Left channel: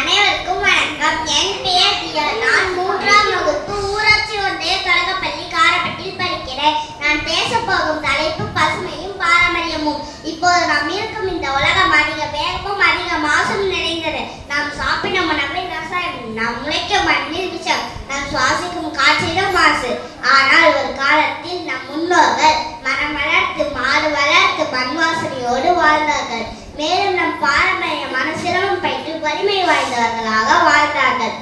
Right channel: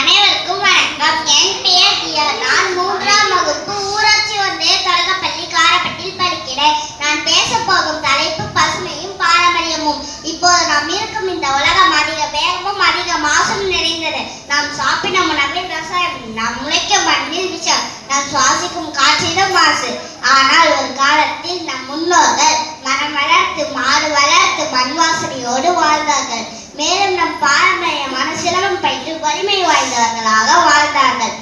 அனைவருக்கும் வணக்கம். என் பெயர் தியா. நான் 3ஆம் வகுப்பு ஊராட்சி ஒன்றிய தொடக்கப்பள்ளி காரப்பட்டில் படிக்கிறேன். நான் பேசப் போகும் தலைப்பு பசுமையும் பாரம்பரியமும். இப்போது நாம் இருக்கும் இந்த உலகம் அதிக வேகமும் அதிக மாசும் நிறைந்தது. நாம் சாப்பிடும் உணவில் ரசாயனம், நாம் முளைக்கும் மண்ணில் விஷம், நாம் சுவாசிக்கும் காற்றிலும் மாசு. ஆனால் ஒரு காலத்தில் நம் முன்னோர்கள் மரம் வளர்த்து மாடு வளர்த்து மண் வாசனையோடு வாழ்ந்தார்கள். மேலும் நம் பாரம்பரியமான சிரமம் பயின்று வலிமை வாய்ந்தவர்களாக வாழ்ந்தார்கள்.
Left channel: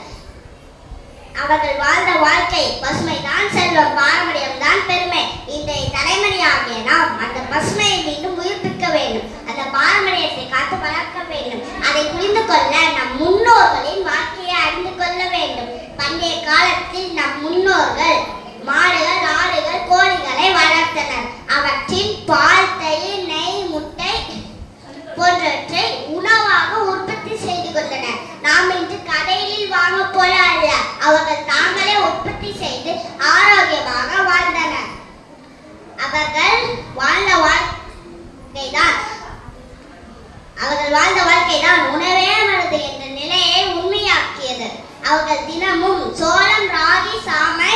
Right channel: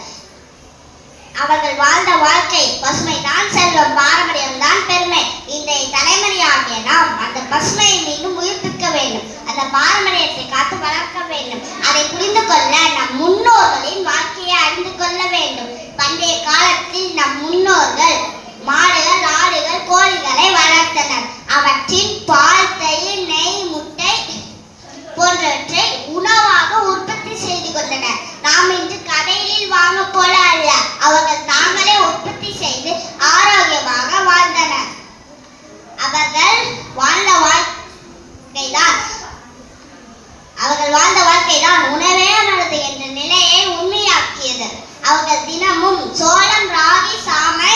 அவர்கள் வாழ்ந்த வாழ்க்கை பசுமைதான் செல்வம், பாரம்பரியம் தான் பெருமை. இன்றைய தலைமுறையாகிய நாம் அந்த பசுமையை மீண்டும் உயிர்ப்பிக்க வேண்டும். அந்த பாரம்பரியத்தை காத்து வளர்க்க வேண்டும். அதை புரிந்து கொள்ள நம் முன்னோர்களின் வாழ்க்கையை அறிந்து கொள்ள வேண்டும். பண்டைய காலத்தில் நம் முன்னோர்கள் மாடுகள், ஆடுகள், கோழிகளை வளர்த்தனர். அவற்றின் பால், தயிர், நெய், முட்டை போன்றவற்றை உணவாக உற்பத்தி செய்து கொண்டனர். நாம் இன்று கடையில் வாங்க போல அல்ல, அவர்கள் தாங்களே உற்பத்தி செய்து ஆரோக்கியமாக வாழ்ந்தனர். அவர்கள் வாழ்ந்த வாழ்க்கைதான் உணவே மருந்து என்ற நிலையை உண்மையாக்கியது. அவர்கள் தினமும் சோளம், ராகி, சாமை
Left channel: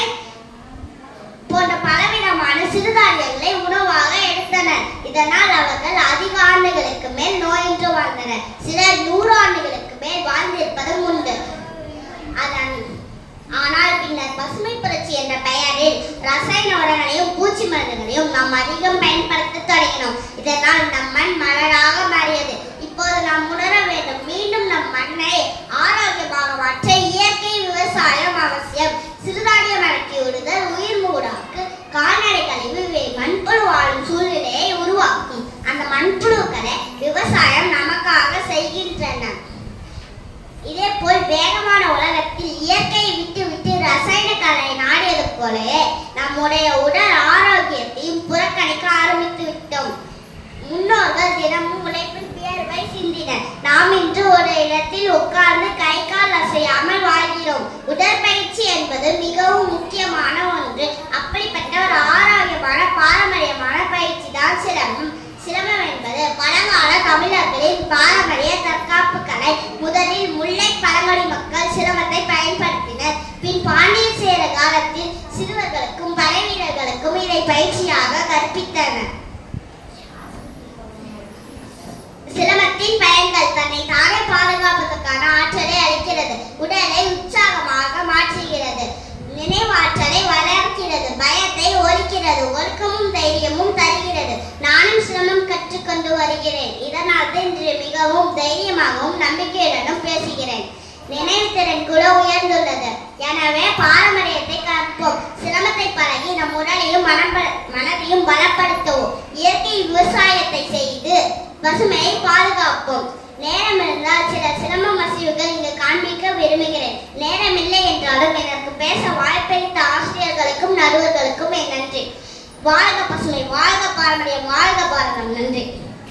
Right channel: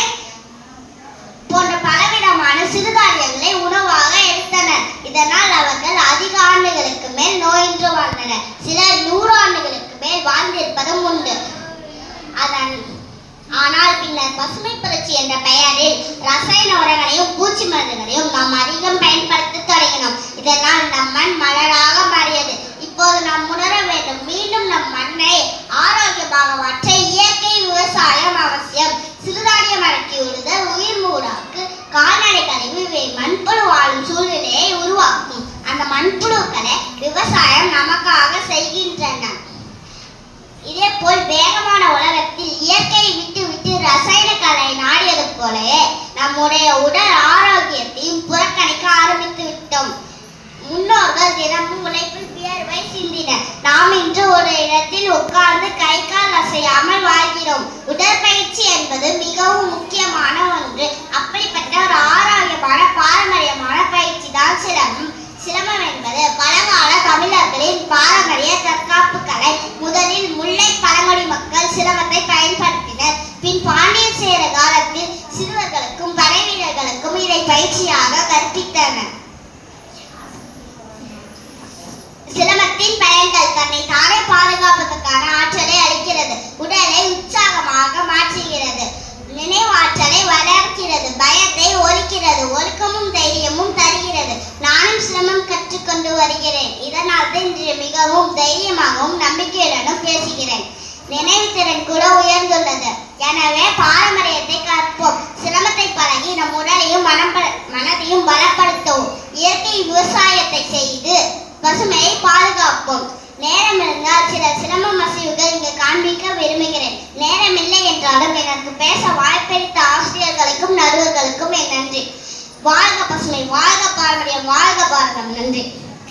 போன்ற பலவிதமான சிறுதானியங்களை உணவாக எடுத்தனர். இதனால் அவர்கள் அதிக ஆண்டுகளுக்கு மேல் நோயின்றி வாழ்ந்தனர். சிலர் 100 ஆண்டுகளுக்கு மேல் வாழ்ந்திருப்பதும் உண்டு. ஆனால் பின்னர் பசுமை புரட்சி என்ற பெயரில் ரசாயன உரங்களையும் பூச்சி மருந்துகளையும் நாம் அதிகம் பயன்படுத்த தொடங்கினோம். இதனால் நம் மண் மலராக மாறியது. இப்போது நாம் உணர வேண்டும், மீண்டும் நம் மண்ணை ஆரோக்கியமாக மாற்ற இயற்கை விவசாயம் அவசியம். சிறுதானிய மரக்கி விடுதல், உயிர் மூடாக்கு, கால்நடை கழிவு மண்புழு வாழும் சூழ்நிலையை உருவாக்கும். அந்த மண்புழுக்களை விவசாயம் நமக்காக செய்கின்றன. இதே போல் வேகமான உலகத்தில் இயற்கையை விட்டு ரசாயன கலை நாடியது போலவே நம்முடைய உடல் ஆரோக்கியத்தையும் புறக்கணிக்க ஆரம்பித்து விட்டோம். முன்னோர்கள் தினமும் உழைப்பில் வியர்வை சிந்தினர். நாம் இன்று ஒரு இடத்தில் உட்கார்ந்து கை கால் அசையாமல் வாழ்கிறோம். உடற்பயிற்சி என்பது மிகவும் முக்கியமான ஒன்று. அப்படிப்பட்ட ஒரு ஆரோக்கியமான பாரம்பரியமான பயிற்சி தான் சிரமம். சிரமம் என்பது பழங்கால தமிழர்களின் பாரம்பரிய தற்காப்பு கலை. முதலில் முல்லை பழங்குடி மக்கள் சிரமத்தை பயன்படுத்தினர். பின் பாண்டியர் சேர காலத்தில் சிறுவர்களுக்கும் படை வீரர்களுக்கும் இதை பயிற்சியாக கற்பித்தனர். சிரமத்தின் பயன்கள் தன்னை தானே பாதுகாப்பதற்கான ஆற்றலை அளிக்கிறது, உடலை உற்சாகமாக மாற்றுகிறது, நினைவாற்றலை வளர்க்கிறது, பயத்தை ஒழிக்கிறது, ஒழுக்கமும் தைரியமும் தருகிறது. நானும் சிரமம் கற்றுக்கொண்டு வருகிறேன். இதனால் இன்று மிகவும் தைரியமாகவும் நம்பிக்கையுடனும் பேசுகிறேன். நினைவு திறன் கூட உயர்ந்துள்ளது. எனவே பாரம்பரியத்தை கற்போம். சிரமத்தை பழகி நம் உடலையும் மனதையும் பலப்படுத்துவோம். இயற்கை விவசாயத்தை செய்து பசுமையை பாதுகாப்போம். நேரம் இருந்தால் சில சிரம மசிவுகள் இங்கு காண்பிக்க விரும்புகிறேன். நேரமில்லை என்றாலும் எனக்கு பேச வாய்ப்பளித்த ஆசிரியர்களுக்கும் நடுவர்களுக்கும் என் நன்றி. வாழ்க பசுமை, வாழ்க பாரம்பரியம், வாழ்க பாரதம். நன்றி.